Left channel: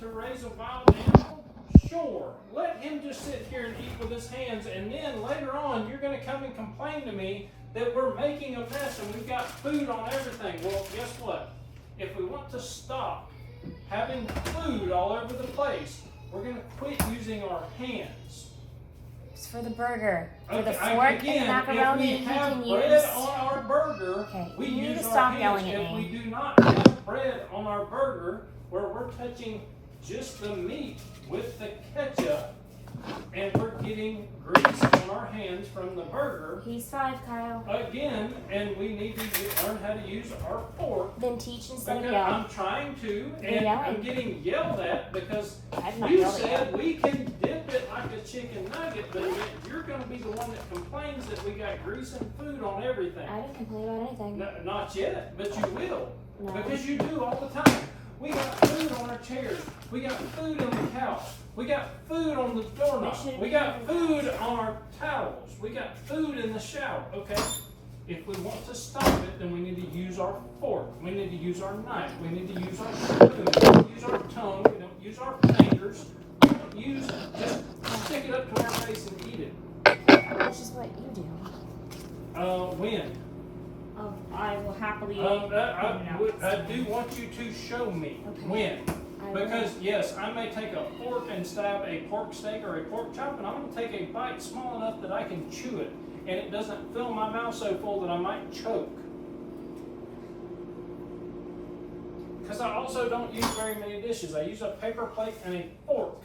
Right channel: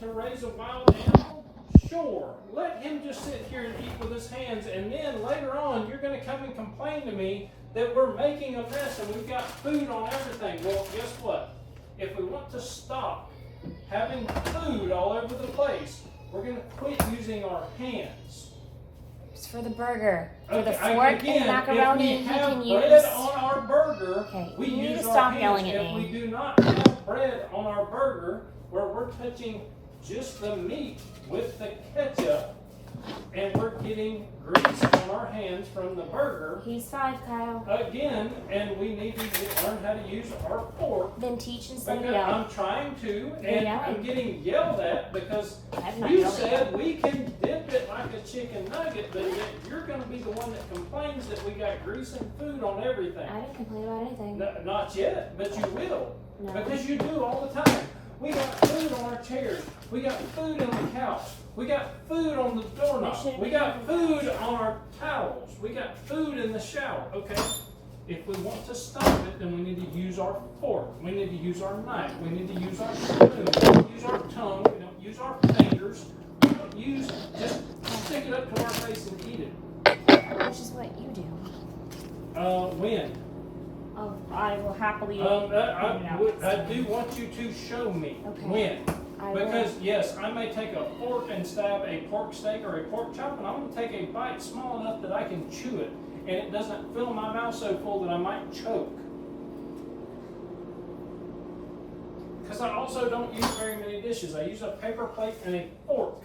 to raise a wild animal? Sure. Let him just sit here and eat with his hands, and then later on you're going to come and complain to me that we're making a mess and we've got food on everything. Well, guess what? If we want to stop having food all over the place, we're going to quit using our hands. It's for the burger. For the Okay, fork again, and macaroni, if you we have can bread use. on our burger, Okay, we you need use to our stop hands. yelling at If me. we do not have bread on our burger, where we're touching just the meat with the ketchup, and we're getting grease on our hands from the burger, He's 5, Kyle. again, and we need to learn how to use our fork. Then teach instead of Because yell. I'm trying to, and You're I'm yelling. getting yelled at because I've not you yelled at said we can dip it like a chicken nugget, but yet you're going to be the one that complains that we got grease and food on everything. I didn't complain about anything. No, not yet, but you will. No. Because you do all the time. We got food on our chairs. We got food on the couch. We got food on the doorknob. We got food on our towels. We got food in the shower. Okay? If we want to stop it, then we need to use our fork. We need to use our knife. We need to use our spoon. We don't use our tongue. We don't use our fingers. We don't use just stick it up to our face and eat it. Which is what you do. When? Oh, I will happily. I do want you to show me Okay. when. I Because, yes, I may take a fork and stab a pork steak or a pork chop, and I'm going to take a bite small enough that I can chew it, and it doesn't fill my mouth so full that I might choke. Because I also don't use very many dishes. I use a paper plate and a fork.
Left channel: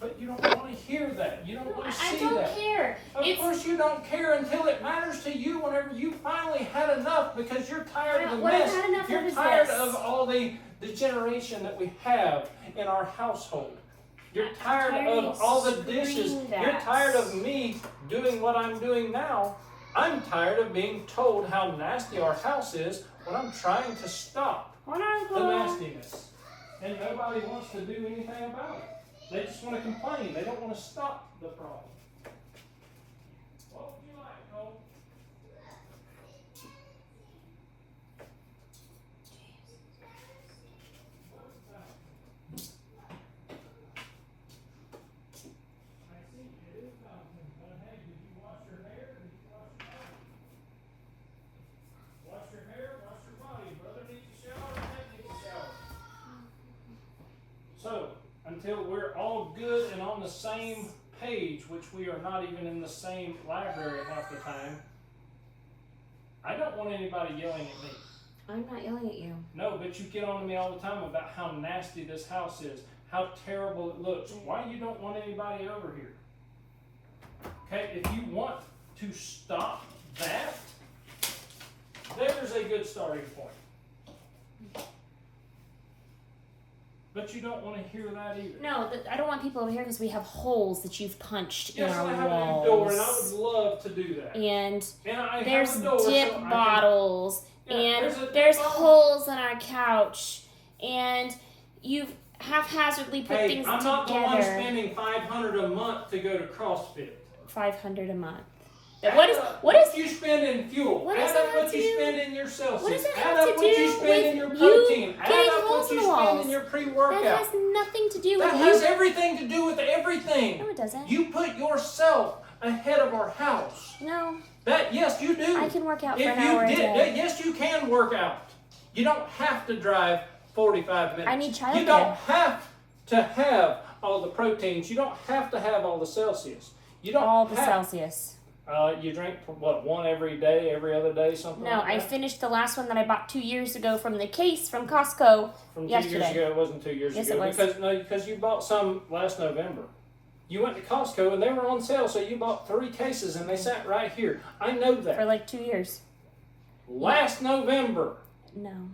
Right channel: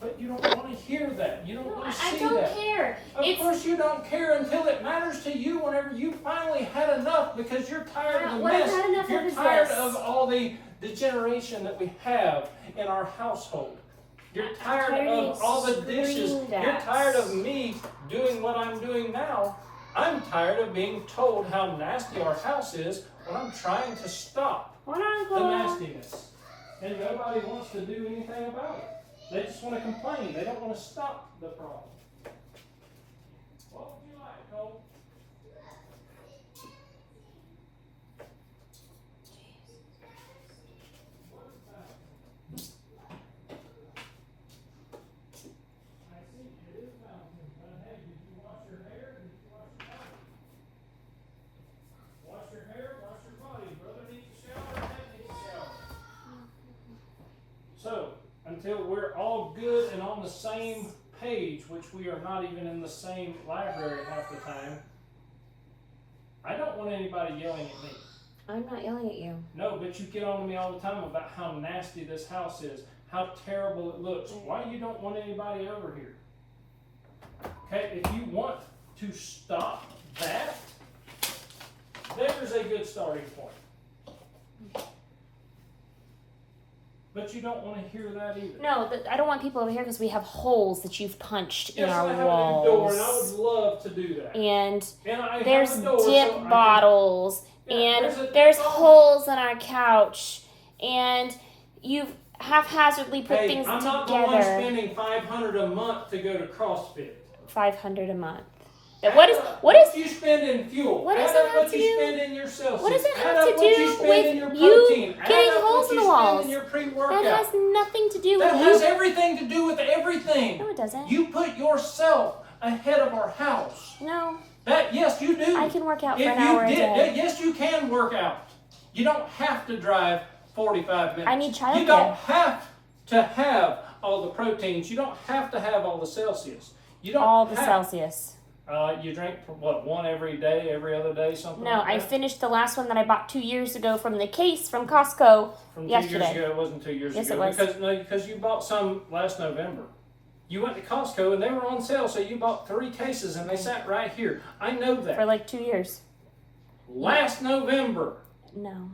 But you don't want to hear that. You don't No, want to I see don't that. care. Of course you don't care until it matters to you whenever you finally had enough because you're tired of the What I've mess. had enough of You're is tired this. of all the degeneration that we have in our household. You're tired tired of of all the being dishes. screamed You're at. tired of me doing what I'm doing now. I'm tired of being told how nasty our house is when I'm trying to stop Hold on, the Chloe. nastiness. And nobody wants to do anything about it. They just want to complain. They don't want to stop the problem. What would you like, Cole? I see it is mountain, but hey, did you wash your hair? Did you wash your body? Wash your hair, wash your body. Brother needs a shower, dad needs a shower. So, until we're all good and on the same page, which we are not even in the same library half the time, I don't want anybody yelling at me. I'm not yelling at you. No, but you get on to me all the time about how nasty this house is, how terrible it looks. Why you don't want anybody over here? Okay, if you want to stop that, there's a good starting point. But you don't want to hear that either. No, I don't want people over here because we have holes that you've punched in Yes, our I have walls. a new door, and I would love to do that. And I there's have a door, dip so I can- bottles, Yeah, and there's a dip there's bottle. holes in our couch, and you've haphazardly put Hey, things I'm not the one together. spending $500 a month to go to CrossFit. $500 a month. Add What is up what is you spend in fuel? what Add does that up have what to you do- spend in your Celsius. what does it Add have up to what you do spend with in your you protein. getting Add up holes what in you the spend walls? in your that pre-workout. has nothing to do with That you? has everything to do with everything. No, it doesn't. You put yourself ahead of our house. No, That yes, you do. I can work out for If an you hour a did, day. yes, you can work out. You don't have to drive 45 minutes. I need childcare. You don't have to have all the proteins. You don't have to have all the Celsius. You don't All the have, Celsius. You drink what, one every day, every other day, something No, like I that? finished the last one that I bought 2 years ago from the case from Costco. From 2 yesterday. years ago. It wasn't 2 years Yes, ago. it was. Because you bought some last November. You went to Costco and they were on sale, so you bought 3 cases and they sat right here. I know that. For like 2 years. Last November. No.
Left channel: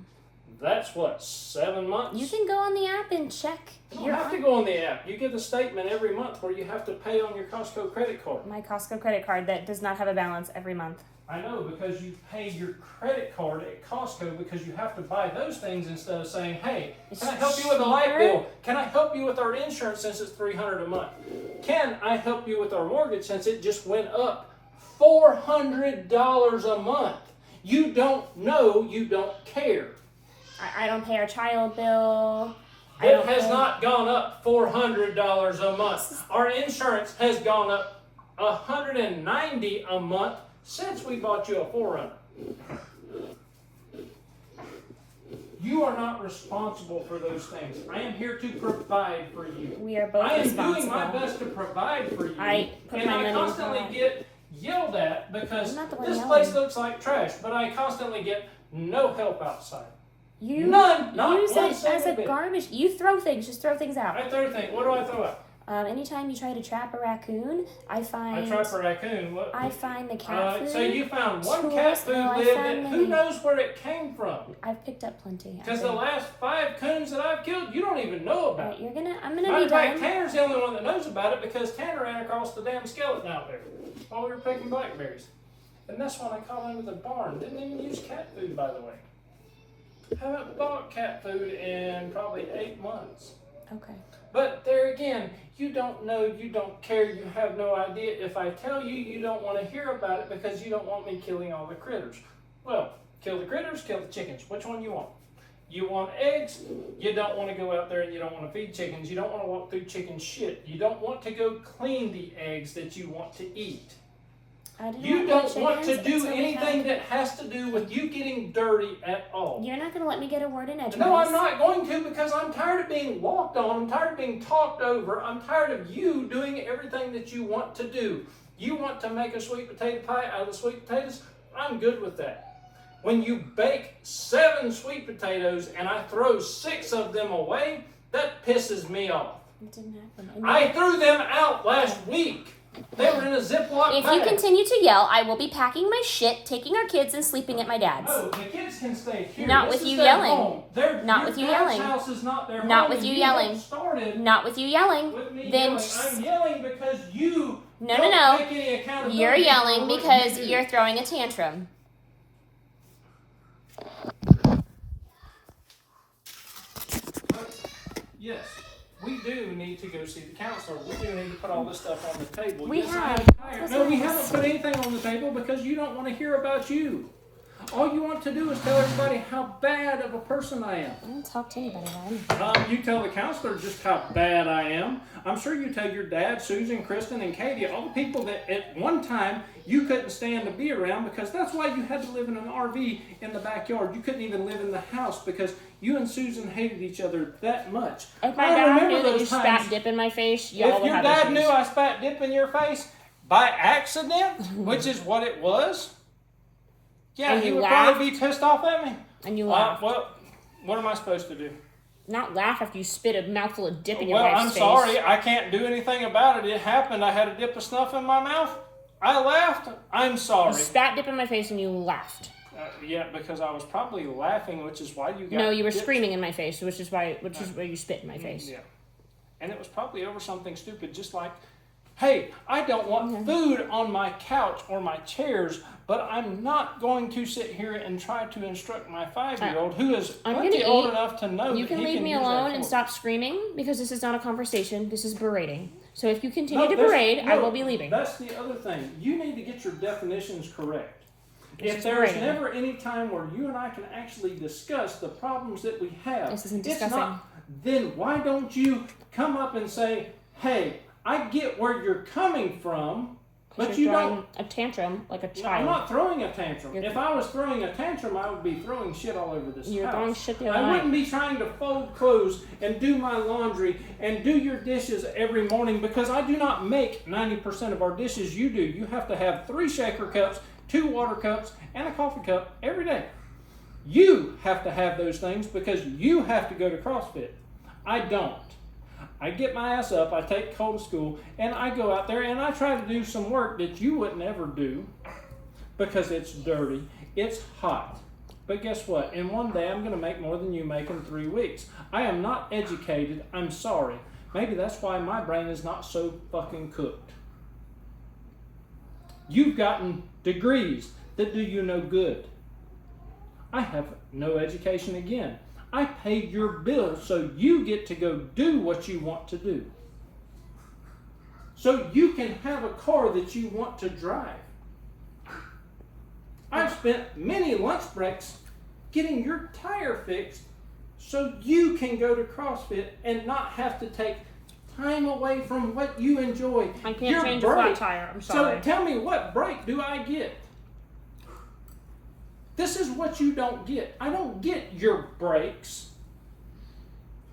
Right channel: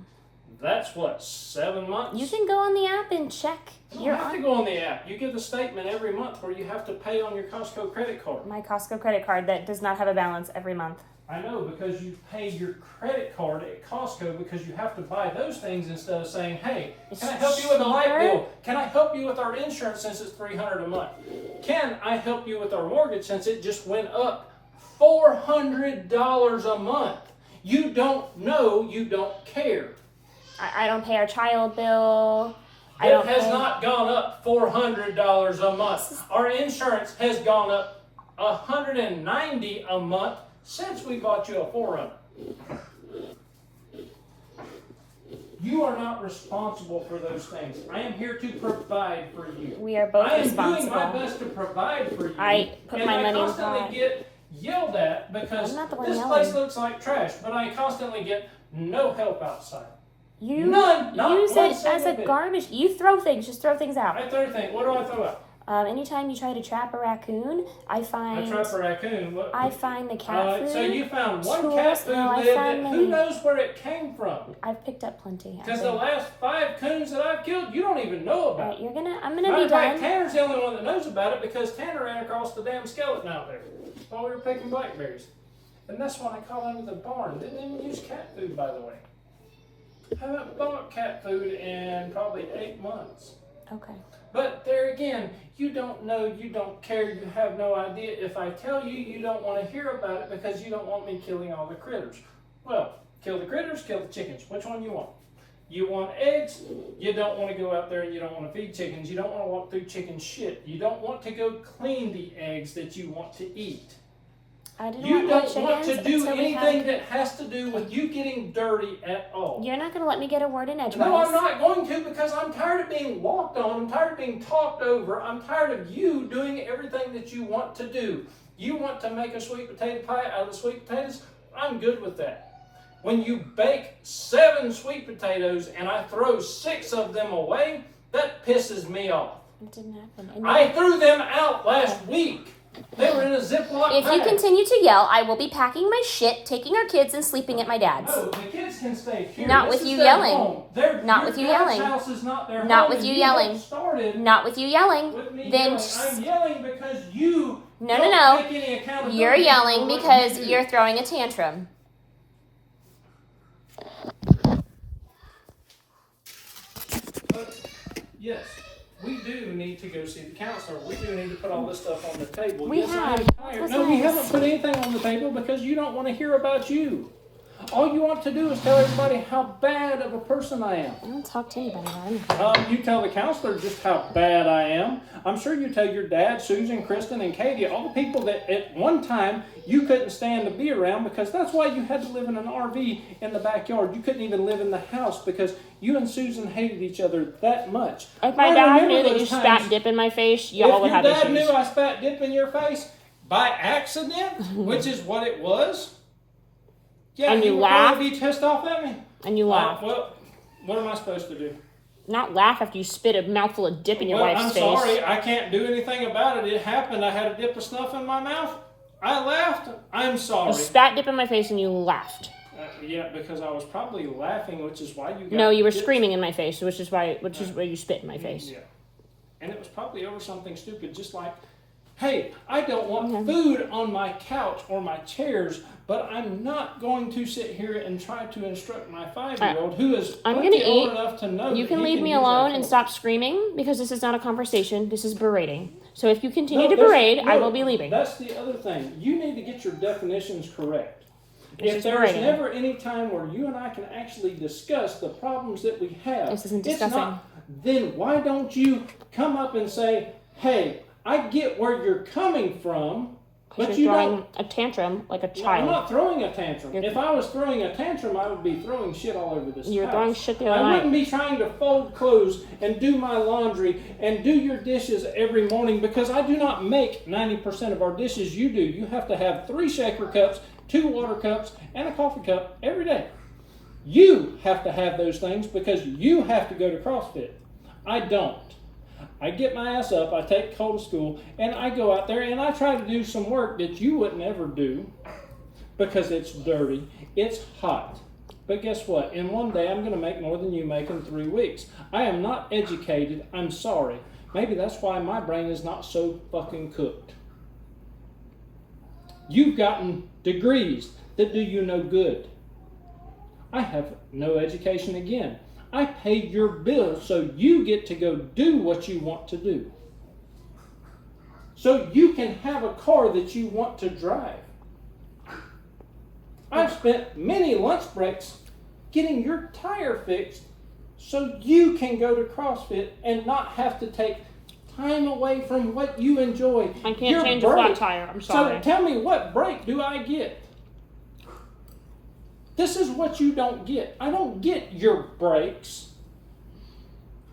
That's what, 7 months? You can go on the app and check. You don't have to go on the app. You get a statement every month where you have to pay on your Costco credit card. My Costco credit card that does not have a balance every month. I know, because you pay your credit card at Costco because you have to buy those things instead of saying, hey, can I help you with a light cheaper. bill? Can I help you with our insurance since it's $300 a month? Can I help you with our mortgage since it just went up $400 a month? You don't know, you don't care. I don't pay our child bill. not gone up $400 a month. Our insurance has gone up $190 a month since we bought you a 4Runner. You are not responsible for those things. I am here to provide for you. We are both I am responsible. doing my best to provide for you. I put my money in And I constantly God. get yelled at because I'm not the one this yelling. place looks like trash, but I constantly get no help outside. You None, not use one it as single a bit. garbage. You throw things. Just throw things out. I throw things. What do I throw out? Anytime you try to trap a raccoon, I I try for raccoon. What? I find the cat food. So you found one tools, cat food no, I lid found that many. who knows where it came from? I've picked up plenty. Because the last 5 coons that I've killed, you don't even know about. Alright, I'm gonna Matter be of fact, done. Tanner's the only one that knows about it because Tanner ran across the damn skeleton out there while we were picking blackberries. And that's what I caught under the barn. Didn't even use cat food, by the way. Haven't bought cat food in probably 8 months. Okay. But there again, you don't know, you don't care, you have no idea. If I tell you, you don't want to hear about it because you don't want me killing all the critters. Well, kill the critters, kill the chickens. Which one you want? You want eggs? You don't want to go out there and you don't want to feed chickens. You don't want to walk through chicken shit. You don't want to go clean the eggs that you want to eat. I didn't You want don't want to do until we had- anything that has to do with you getting dirty at all. You're not gonna let me get a word in edgewise. No, I'm not going to because I'm tired of being walked on. I'm tired of being talked over. I'm tired of you doing everything that you want to do. You want to make a sweet potato pie out of the sweet potatoes? I'm good with that. When you bake 7 sweet potatoes and I throw 6 of them away, that pisses me off. It didn't happen. And I threw them out last week. They were in a Ziploc if you bag. continue to yell, I will be packing my shit, taking our kids, and sleeping at my dad's. No, the kids can stay here. Not This with is you their yelling. home. Not your with you dad's yelling. house is not their Not home, with and you you yelling. started Not with you yelling. with me Then yelling. I'm yelling because you No, don't no, no. take any accountability You're for yelling what because you do. you're throwing a tantrum. But, yes, we do need to go see the counselor. We do need to put all this stuff on the table. We Yes, have. I'm tired. That's No, what's we nice. haven't put anything on the table because you don't want to hear about you. All you want to do is tell everybody how bad of a person I am. I don't talk to anybody about anything. You tell the counselor just how bad I am. I'm sure you tell your dad, Susan, Kristen, and Katie, all the people that at one time you couldn't stand to be around because that's why you had to live in an RV in the backyard. You couldn't even live in the house because you and Susan hated each other that much. If my I dad remember knew that those you times. spat dip in my face, y'all If would your have dad issues. knew I spat dip in your face by accident, which is what it was, yeah, And he you would laughed? probably be pissed off at me. And you laughed. Well, what am I supposed to do? Not laugh after you spit a mouthful of dip in your Well, wife's I'm face. sorry. I can't do anything about it. It happened. I had a dip of snuff in my mouth. I laughed. I'm sorry. You spat dip in my face and you laughed. Yeah, because I was probably laughing, which is why you got No, you were dipped. screaming in my face, which is why you spit in my face. Yeah. And it was probably over something stupid, just like, hey, I don't want Mm-hmm. food on my couch or my chairs, but I'm not going to sit here and try to instruct my 5-year-old who is I'm plenty gonna old eat. enough to know You that can he leave me use that alone and phone. stop screaming because this is not a conversation. This is berating. So if you continue No, to that's- berate, I no, will be leaving. That's the other thing. You need to get your definitions correct. This If is there's berating. never any time where you and I can actually discuss the problems that we have, This isn't it's discussing. not, then why don't you come up and say, hey, I get where you're coming from, but you You're throwing don't. a tantrum like a No, I'm child. not throwing a tantrum. You're- If I was throwing a tantrum, I would be throwing shit all over this You're house. throwing shit the I other night. wouldn't be trying to fold clothes and do my laundry and do your dishes every morning because I do not make 90% of our dishes. You do. You have to have 3 shaker cups, 2 water cups, and a coffee cup every day. You have to have those things because you have to go to CrossFit. I don't. I get my ass up, I take Cole to school, and I go out there and I try to do some work that you wouldn't ever do because it's dirty, it's hot. But guess what? In one day, I'm going to make more than you make in 3 weeks. I am not educated. I'm sorry. Maybe that's why my brain is not so fucking cooked. You've gotten degrees that do you no good. I have no education again. I paid your bill so you get to go do what you want to do. So you can have a car that you want to drive. I've spent many lunch breaks getting your tire fixed so you can go to CrossFit and not have to take time away from what you enjoy. I can't Your change a break. flat tire. I'm sorry. So tell me, what break do I get? This is what you don't get. I don't get your breaks.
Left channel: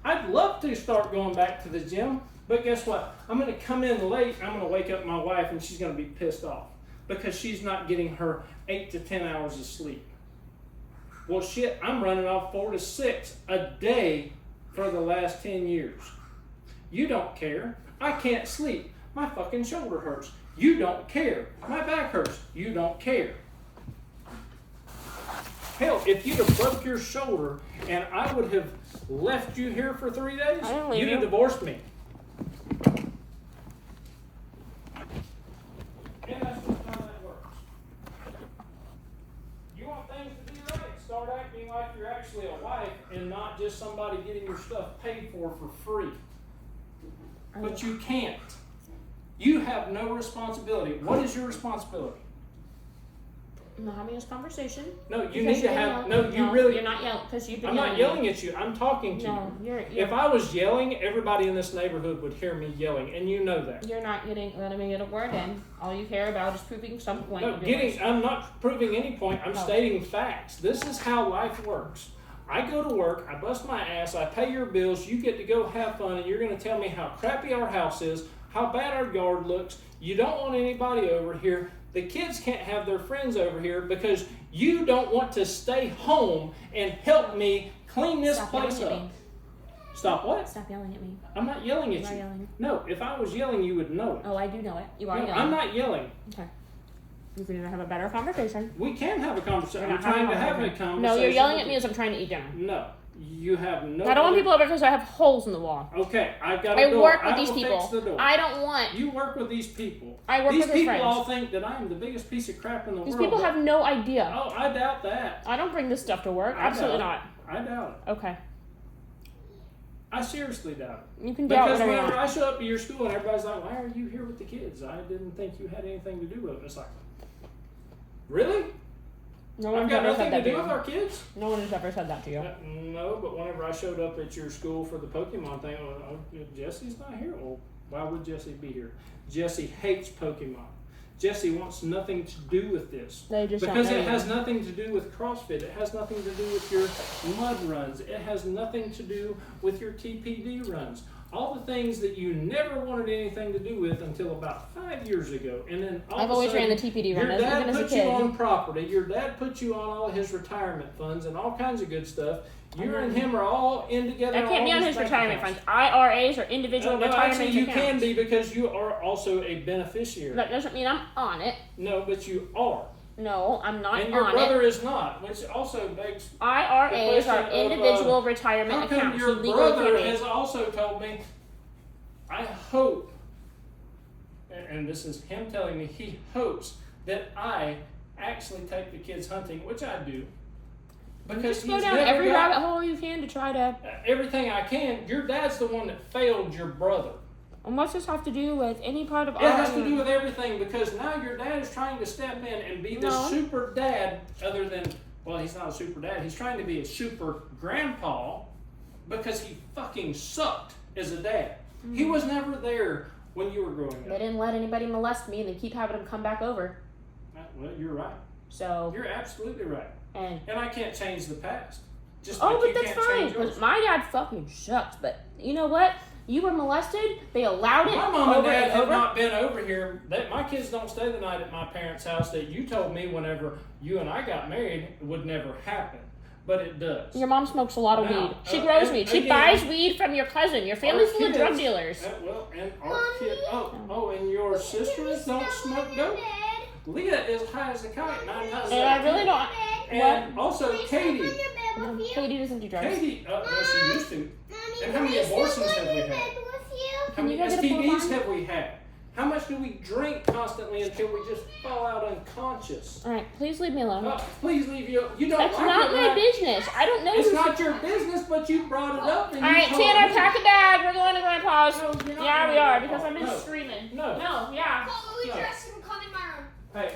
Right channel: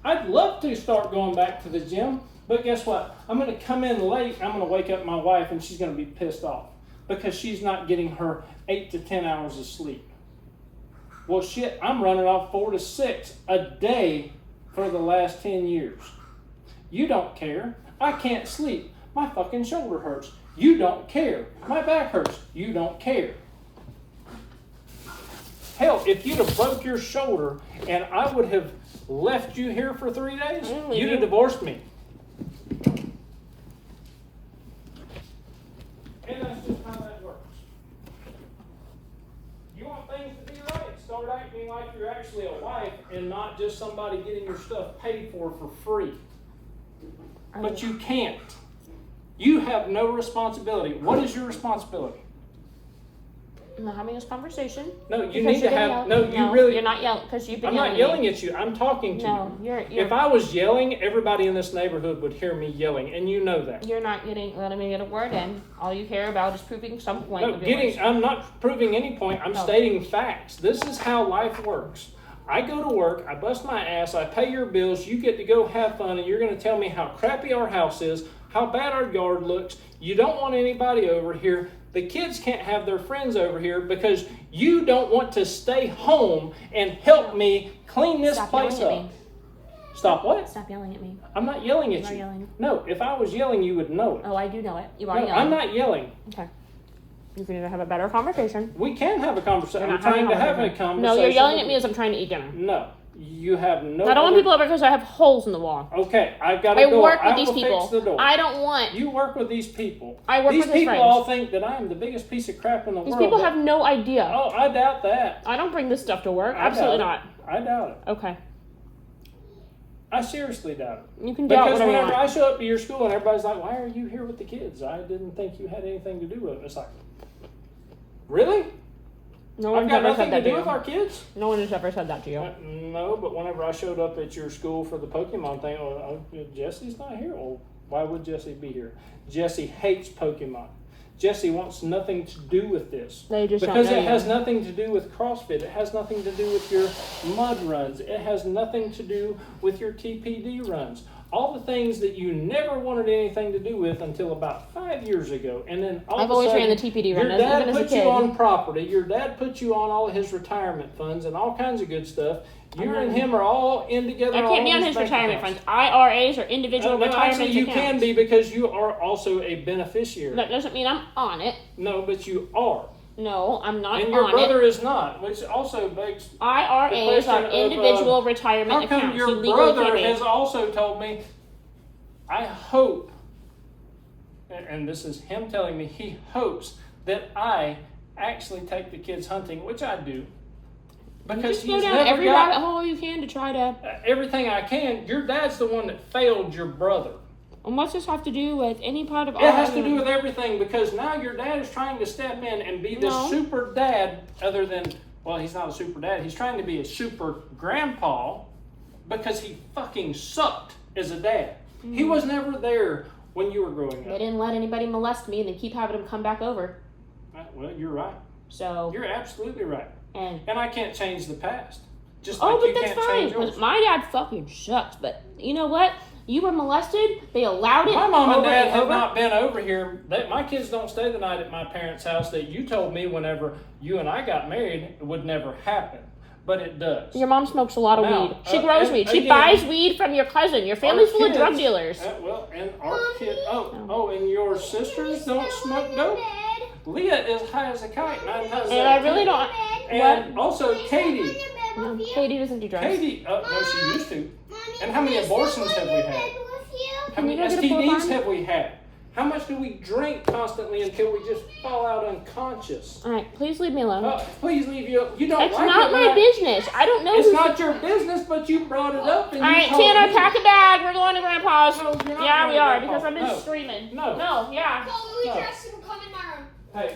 I'd love to start going back to the gym, but guess what? I'm going to come in late. I'm going to wake up my wife, and she's going to be pissed off because she's not getting her 8 to 10 hours of sleep. Well, shit, I'm running off 4 to 6 a day for the last 10 years. You don't care. I can't sleep. My fucking shoulder hurts. You don't care. My back hurts. You don't care. Hell, if you'd have broke your shoulder and I would have left you here for 3 days, you'd have divorced me. And that's just how that works. You want things to be right, start acting like you're actually a wife and not just somebody getting your stuff paid for free. But you can't. You have no responsibility. What is your responsibility? I'm not having this conversation. No, you need to have. No, you really. You're not yelling because you've been I'm yelling. not yelling at you. I'm talking to No, you. you're. If I was yelling, everybody in this neighborhood would hear me yelling, and you know that. You're not letting me get a word in. All you care about is proving some point. No, of yours. I'm not proving any point. I'm stating facts. This is how life works. I go to work, I bust my ass, I pay your bills, you get to go have fun, and you're going to tell me how crappy our house is, how bad our yard looks. You don't want anybody over here. The kids can't have their friends over here because you don't want to stay home and help me clean this place up. Stop what? Stop yelling at me. I'm not yelling at you. You are yelling. No, if I was yelling, you would know it. Oh, I do know it. You are No, yelling. I'm not yelling. Okay. You can either have a better conversation. We can have a conversation. You're I'm not trying to having have a conversation. No, you're yelling with at me you. as I'm trying to eat dinner. No, you have no. I don't want people over because I have holes in the wall. Okay, I've got a I door. work with I these will people. Fix the door. I don't want. You work with these people. I work these with his people friends. all think that I am the biggest piece of crap in the These world. people have no idea. Oh, I doubt that. I don't bring this stuff to work. I Absolutely doubt not. it. I doubt it. Okay. I seriously doubt it. You can doubt Because whatever you whenever want. I show up to your school and everybody's like, "Why are you here with the kids? I didn't think you had anything to do with it." It's like, really? No I've one's got ever nothing said to that do to with you. our kids? No one has ever said that to you. No, but whenever I showed up at your school for the Pokemon thing, Jesse's not here. Well, why would Jesse be here? Jesse hates Pokemon. Jesse wants nothing to do with this. They just Because don't know it has you. nothing to do with CrossFit. It has nothing to do with your mud runs. It has nothing to do with your TPD runs. All the things that you never wanted anything to do with until about 5 years ago. And then all I've of a always sudden, ran the TPD run, your even dad as a put kid. you on property. Your dad put you on all of his retirement funds and all kinds of good stuff. You and him are all in together. I can't be on all his these bank retirement accounts. funds. IRAs or individual No, retirement actually, you accounts. can be because you are also a beneficiary. That doesn't mean I'm on it. No, but you are. No, I'm not And your on brother it. is not, which also begs. IRAs are individual retirement How come accounts. your You legally brother can't be. has also told me, I hope, and this is him telling me, he hopes that I actually take the kids hunting, which I do. Because Just go he's down never every got rabbit hole you can to try to. everything I can. Your dad's the one that failed your brother. And what's this have to do with any part of It has to do with everything because now your dad is trying to step in and be this No. super dad other than, well, he's not a super dad. He's trying to be a super grandpa because he fucking sucked as a dad. He was never there when you were growing They up. didn't let anybody molest me and then keep having them come back over. Well, you're right. So, You're absolutely right. and. And I can't change the past. Just Oh, like but you that's can't fine. change yours. Because my dad fucking sucks. But you know what? You were molested. They allowed it. My mom and over dad have over. not been over here. My kids don't stay the night at my parents' house that you told me whenever you and I got married it would never happen. But it does. Your mom smokes a lot of Now, weed. She grows and weed. She again, buys weed from your cousin. Your family's full of drug dealers. Well, and our kid. Oh, and your sisters don't smoke dope. Leah is high as a kite. 9 times And out I of really 10. don't. And also Katie. No, Katie doesn't do drugs. Katie. Oh, no, she used to. And how many abortions have we had? How Can many you go get a STDs full have we had? How much do we drink constantly until we just fall out unconscious? All right, please leave me alone. Please leave you. You don't That's like not it when my I- business. I don't know. It's who's- not your business, but you brought it up. And All you right, told Tanner, me. pack a bag. We're going to Grandpa's. No, you're not Yeah, going we to are Grandpa's. because I've been No. screaming. No. No, yeah. Go, Louis, No. dress and come in my room. Hey,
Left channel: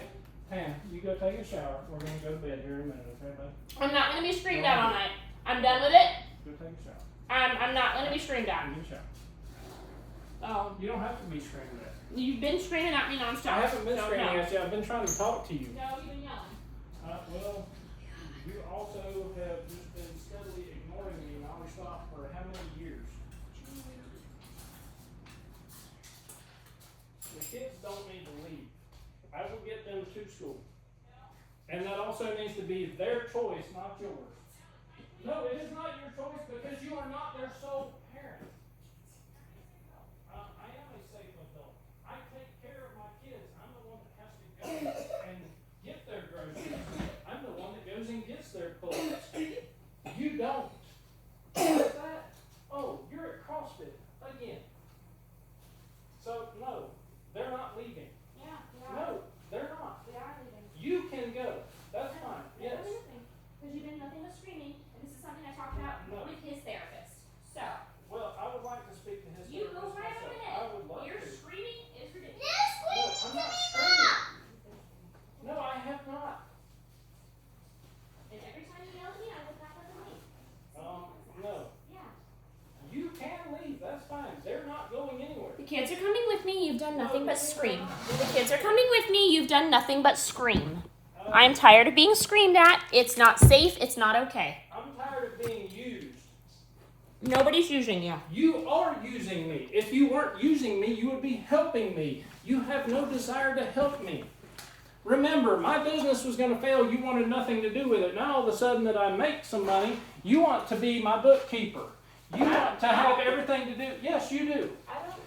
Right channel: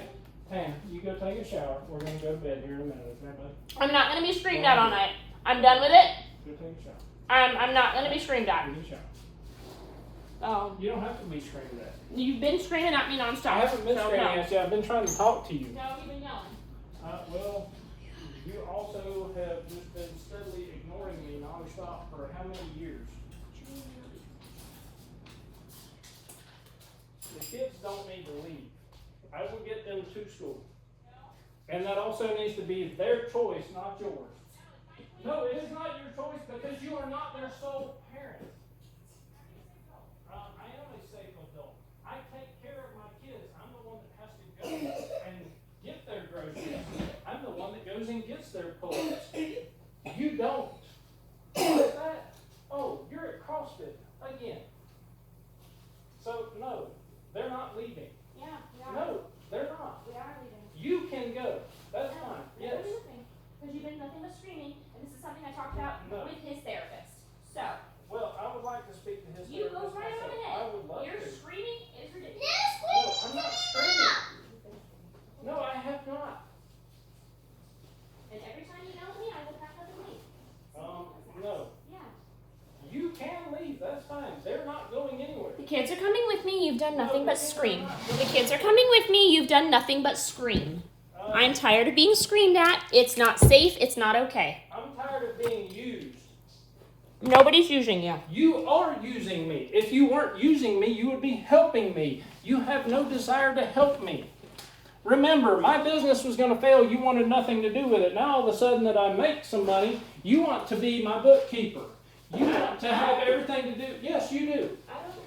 Pam, you go take a shower. We're going to go to bed here in a minute, okay, bud? I'm not going to be screamed at all night. I'm done with it. Go take a shower. I'm not gonna be screamed at. Go get a shower. You don't have to be screamed at. You've been screaming at me nonstop. I haven't been so screaming no. at you. I've been trying to talk to you. No, you've been yelling. Well, you also have just been steadily ignoring me nonstop for how many years? The kids don't need to leave. I will get them to school. And that also needs to be their choice, not yours. No, it is not your choice because you are not their sole parent. I am a safe adult. I take care of my kids. I'm the one that has to go and get their groceries. I'm the one that goes and gets their clothes. You don't. What's that? Oh, you're at CrossFit again. So, no, they're not leaving. Yeah, we are. No, they're not. We are leaving. You can go. That's fine. Yes. Because you've been nothing but screaming, and this is something I talked about with his therapist. So, Well, I would like to speak to his you go therapist right on myself. ahead. I would love Your to. screaming is ridiculous. No, I'm not screaming. No, I have not. And every time you yell at me, I will pack up and leave. No. Yeah. You can leave. That's fine. They're not going anywhere. The kids are coming with me. You've done nothing No, but they scream. are not. The kids are coming with me. You've done nothing but scream. I'm tired of being screamed at. It's not safe. It's not okay. I'm tired of being used. Nobody's using you. You are using me. If you weren't using me, you would be helping me. You have no desire to help me. Remember, my business was going to fail. You wanted nothing to do with it. Now, all of a sudden that I make some money, you want to be my bookkeeper. You want to have everything to do. Yes, you do.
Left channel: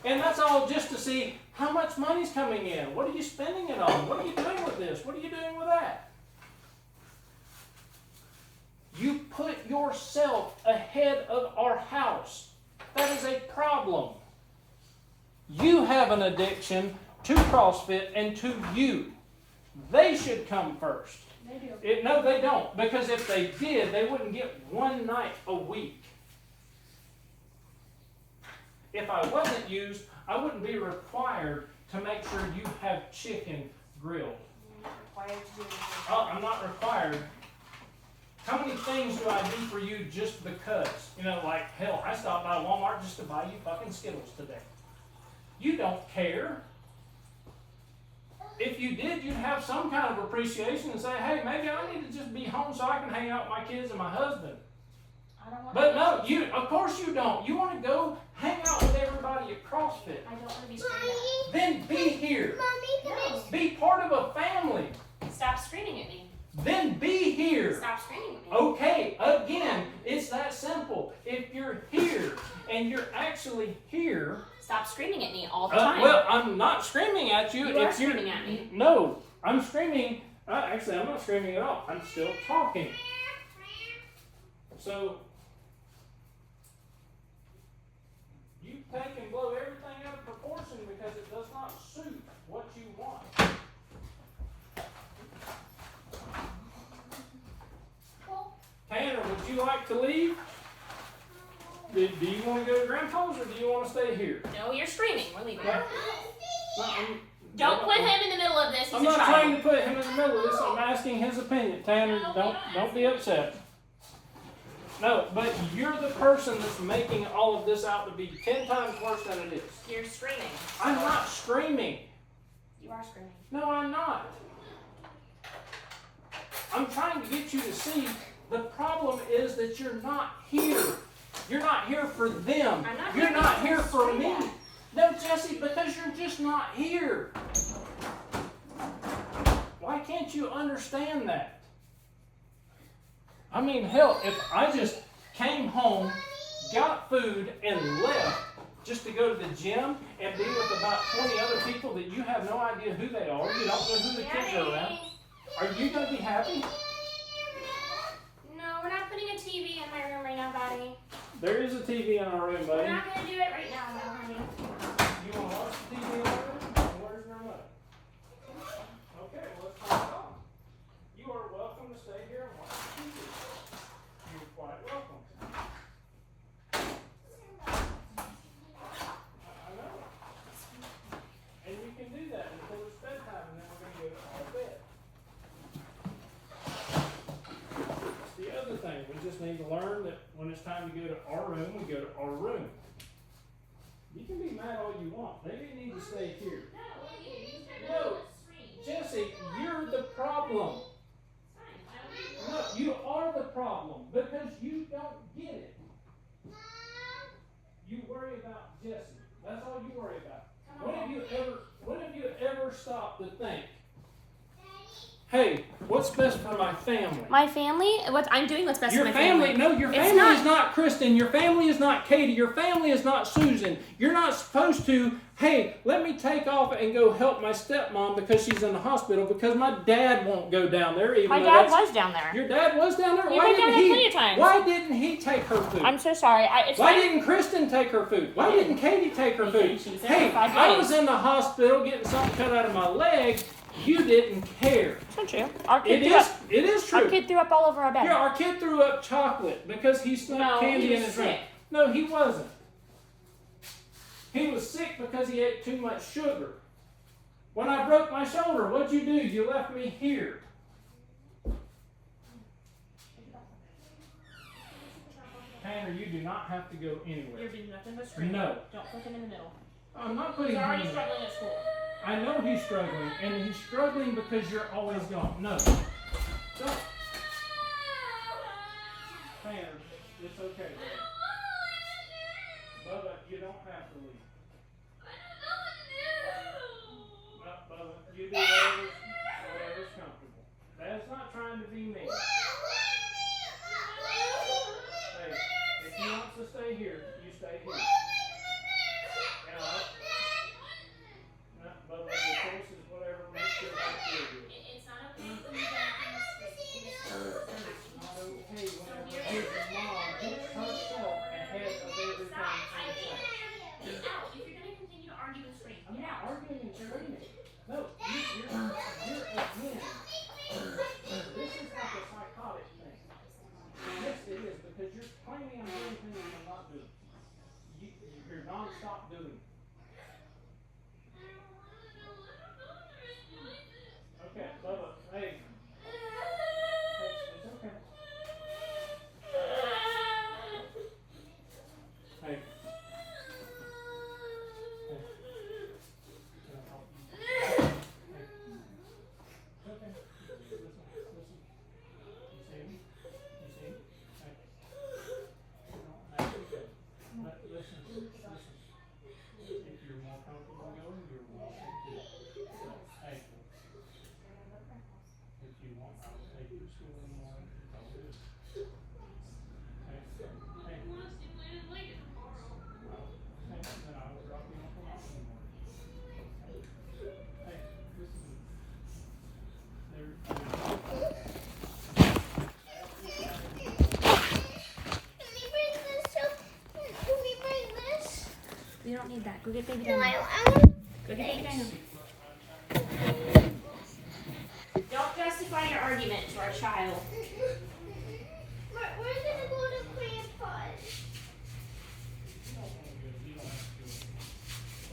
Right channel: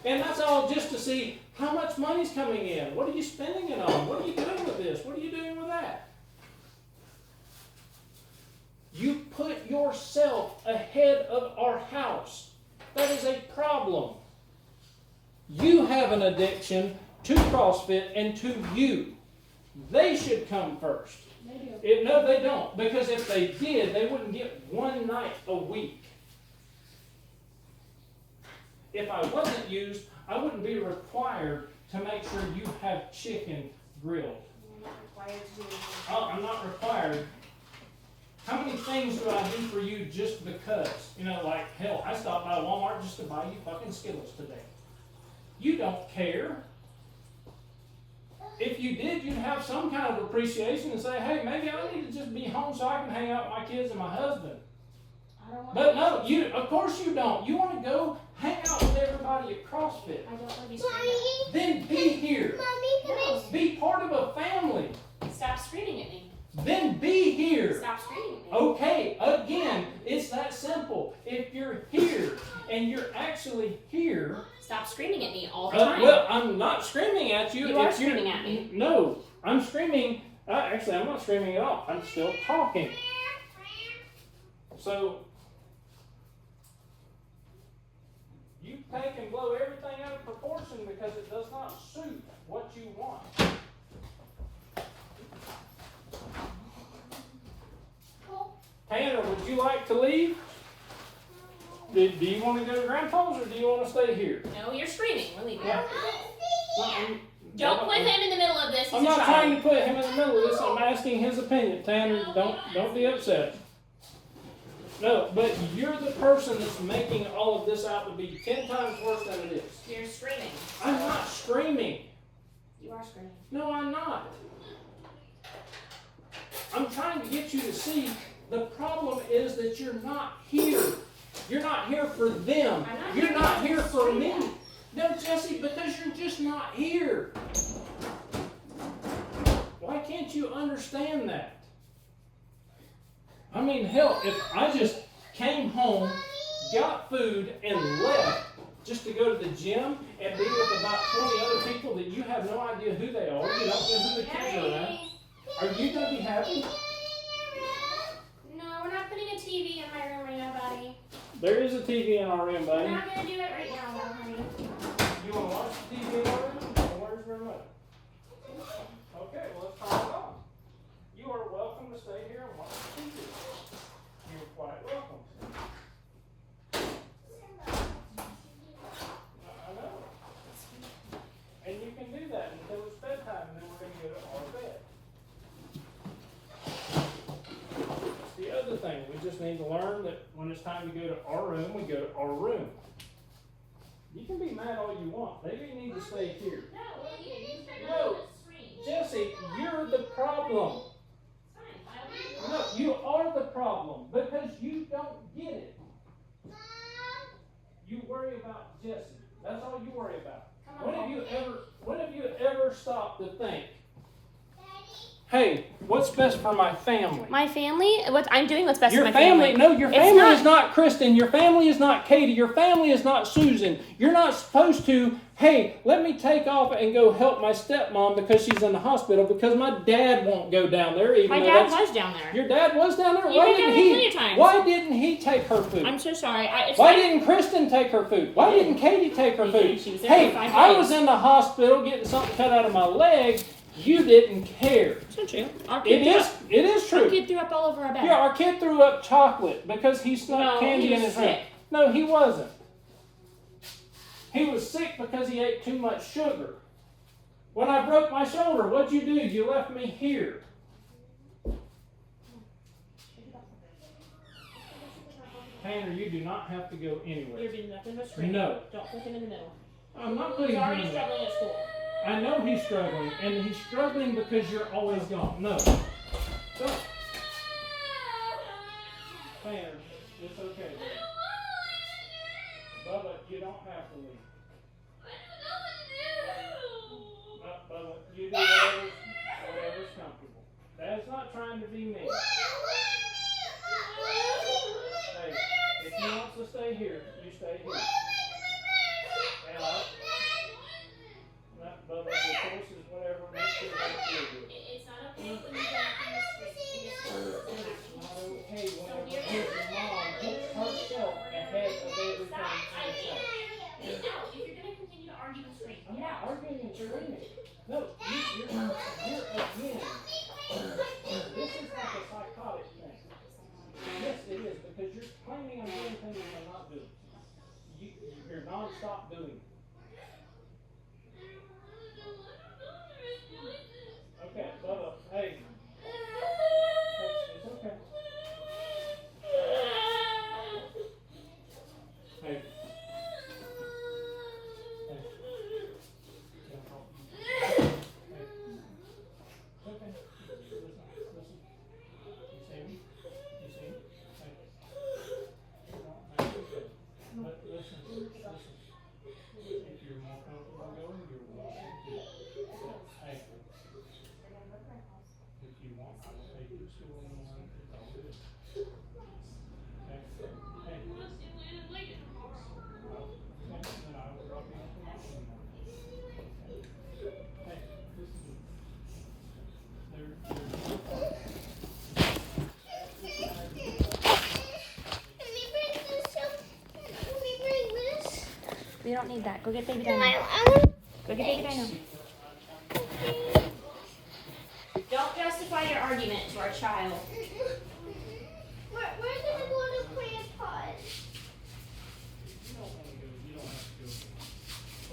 And that's all just to see how much money's coming in. What are you spending it on? What are you doing with this? What are you doing with that? You put yourself ahead of our house. That is a problem. You have an addiction to CrossFit and to you. They should come first. No, they don't. Because if they did, they wouldn't get one night a week. If I wasn't used, I wouldn't be required to make sure you have chicken grilled. Oh, I'm not required. How many things do I do for you just because? You know, like, hell, I stopped by Walmart just to buy you fucking Skittles today. You don't care. If you did, you'd have some kind of appreciation and say, hey, maybe I need to just be home so I can hang out with my kids and my husband. But no, of course you don't. You want to go hang out with everybody at CrossFit. I don't want to be screaming at. Then be here. No. Be part of a family. Stop screaming at me. Then be here. Stop screaming at me. Okay, again, it's that simple. If you're here and you're actually here. Stop screaming at me all the time. Well, I'm not screaming at you. You are screaming at me. No, I'm screaming. Actually, I'm not screaming at all. I'm still talking. So, you take and blow everything out of proportion because it does not suit what you want. Tanner, would you like to leave? Do you want to go to Grandpa's or do you want to stay here? No, you're screaming. We're leaving. Don't put him in the middle of this. He's I'm a not child. trying to put him in the middle of this. I'm asking his opinion. Tanner, don't be upset. No, but you're the person that's making all of this out to be 10 times worse than it is. You're screaming. I'm not screaming. You are screaming. No, I'm not. I'm trying to get you to see the problem is that you're not here. You're not here for them. You're not here for me. No, Jesse, because you're just not here. Why can't you understand that? I mean, hell, if I just came home, got food, and left just to go to the gym and be with about 20 other people that you have no idea who they are, you don't know who the kids are around, are you going to be happy? No, we're not putting a TV in my room right now, buddy. There is a TV in our room, We're buddy. not going to do it right now, though, honey. You want to watch the TV in our room? Where's your remote? Okay, well, let's turn it on. You are welcome to stay here and watch the TV. You're quite welcome. I know. And you can do that until it's bedtime, and then we're going to go to our bed. The other thing, we just just need to learn that when it's time to go to our room, we go to our room. You can be mad all you want. Maybe you need to stay here. No, Jesse, you're the problem. No, you are the problem because you don't get it. You worry about Jesse. That's all you worry about. When have you ever stopped to think, hey, what's best for my family? My family? I'm doing what's best for my family. family. No, your family is not Kristen. Your family is not Katie. Your family is not Susan. You're not supposed to, hey, let me take off and go help my stepmom because she's in the hospital because my dad won't go down there. My dad was down there. Your dad was down there? You've been down there plenty of times. Why didn't he take her food? I'm so sorry. Why didn't Kristen take her food? Why didn't Katie take her food? She was there Hey, for 5 days. I was in the hospital getting something cut out of my leg. You didn't care. It's not true. It is true. Our kid threw up all over our bed. Yeah, our kid threw up chocolate because he snuck candy in his drink. No, he wasn't. He was sick because he ate too much sugar. When I broke my shoulder, what'd you do? You left me here. Tanner, you do not have to go anywhere. You're doing nothing but screaming. No. Don't put him in the middle. I'm not putting He's him already in there. struggling at school. I know he's struggling, and he's struggling because you're always gone. No. Don't. Tanner, it's okay. Bubba, you don't have to leave. Bubba, you do whatever's comfortable. That's not trying to be mean. Hey, if he wants to stay here, you stay here. And Bubba, the choice is whatever makes your life feel good. It's not okay when you don't It's not okay whenever your mom puts herself ahead of everything she says. Get out. If you're going to continue to argue and scream, I'm get not out. arguing and screaming. No, you're again. This is like a psychotic thing. Yes, it is, because you're claiming I'm doing things I'm not doing. You're non-stop doing it. Okay, Bubba, hey. It's okay. Hey. We don't need that. Go get baby Dino. Go get baby Dino. Don't justify your argument to our child. We're gonna go to Grandpa's.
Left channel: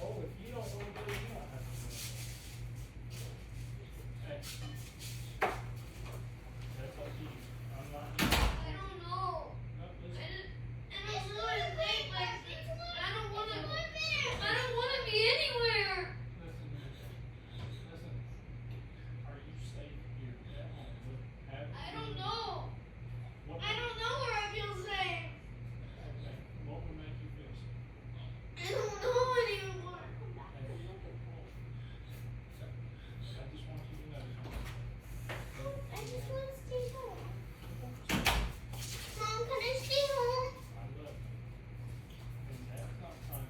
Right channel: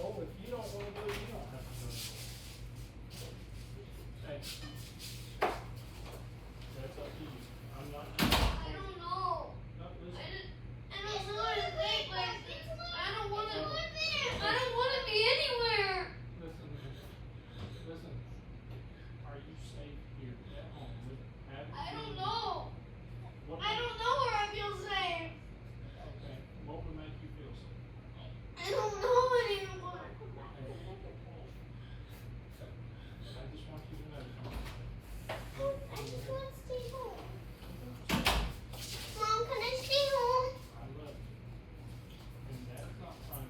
Oh, if you don't want to go, you don't have to go. Hey. That's up to you. I'm not. I don't know. No, listen. I don't know how to play, but I don't want to. I don't want to be anywhere. Listen. Are you safe here at home? I don't know. What, I don't know where I feel safe. okay. What would make you feel safe? I don't know anymore. I just want you to know. I just want to stay home. Mom, can I stay home? I love you. And that's not fun.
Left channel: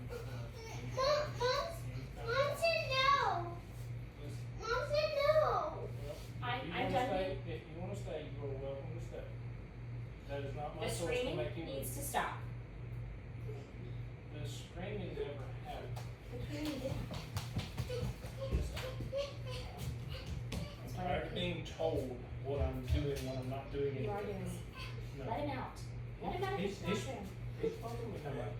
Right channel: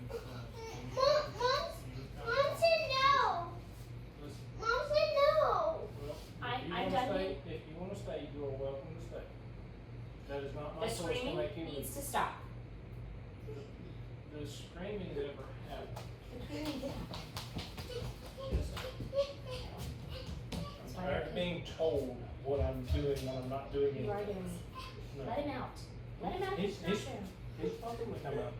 Mom said no. Listen. Mom said no. If you want to stay, you are welcome to stay. That is not my The choice to screaming make you needs leave. to stop. The screaming never happened. The screaming did. I'm not being told what I'm doing when I'm not doing You are anything. doing it. No. Let him out. Let him out. He's- It's not he's- fair. It's probably gonna come out.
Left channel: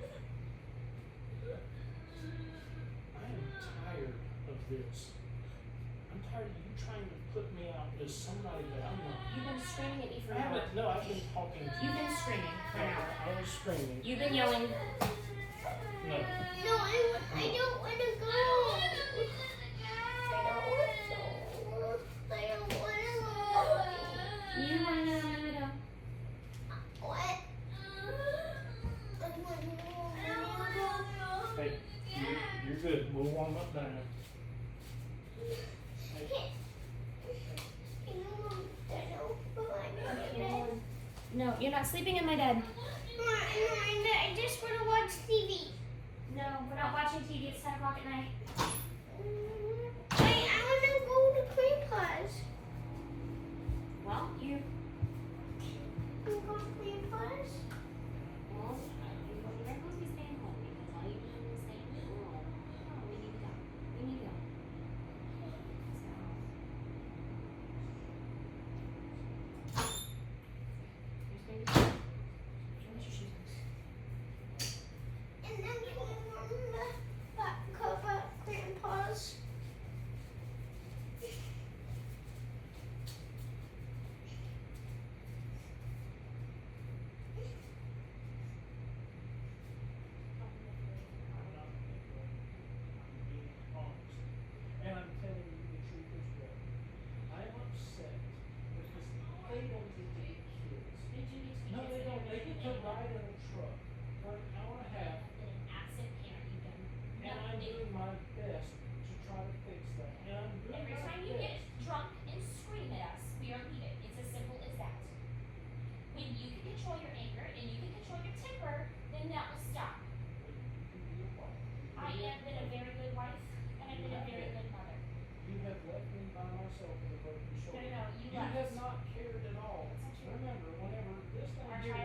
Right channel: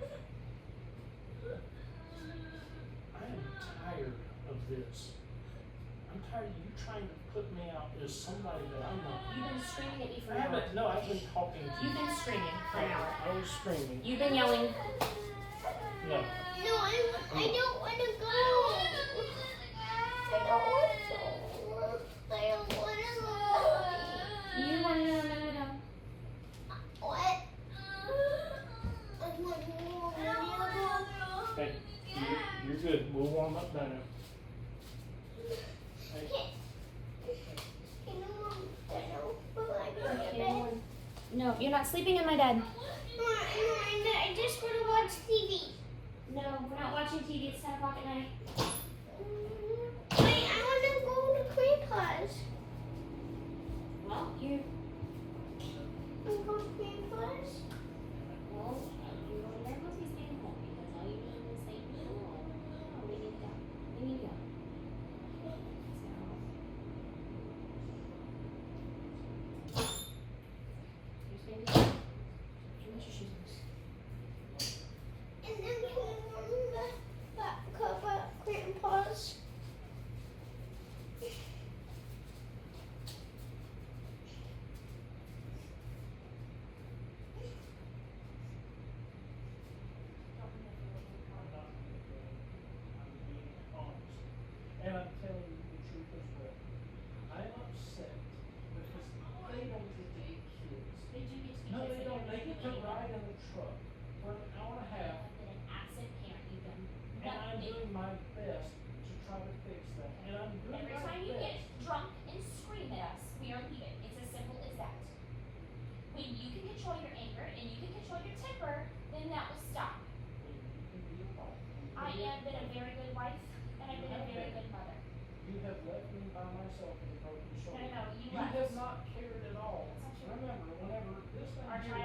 I am tired of this. I'm tired of you trying to put me out as somebody that I'm not. You've been screaming at me I forever. haven't, no, I've been talking to you. You've been screaming. screaming. You've been yelling. No. No, I don't want to go. I don't want to. I don't want to. You want to no. What? Hey, you're good. We'll warm up down. No, you're not sleeping in my bed. I just want to watch TV. No, we're not watching TV. It's 10 o'clock at night. I want to go to Grandpa's. Well, you. I'm going to Grandpa's. Well, you're supposed to be staying home because all you do is stay home. Oh, we need to go. We need to go. And then can I warm the back cup at Grandpa's? And I'm telling you the truth as well. I'm upset because they don't get to be kids. No, they don't. They get to ride in the truck for an hour and a half, An absent parent, you've done and I'm doing my best to try to fix that. And I'm doing Every my time you best. get drunk and scream at us, we are leaving. It's as simple as that. When you can control your anger and you can control your temper, then that will stop. I have been a very good wife and I've been a very good mother. You have left me by myself with a broken shoulder. No, you You left. have not cared at all. That's not true. Remember, whenever this thing Our here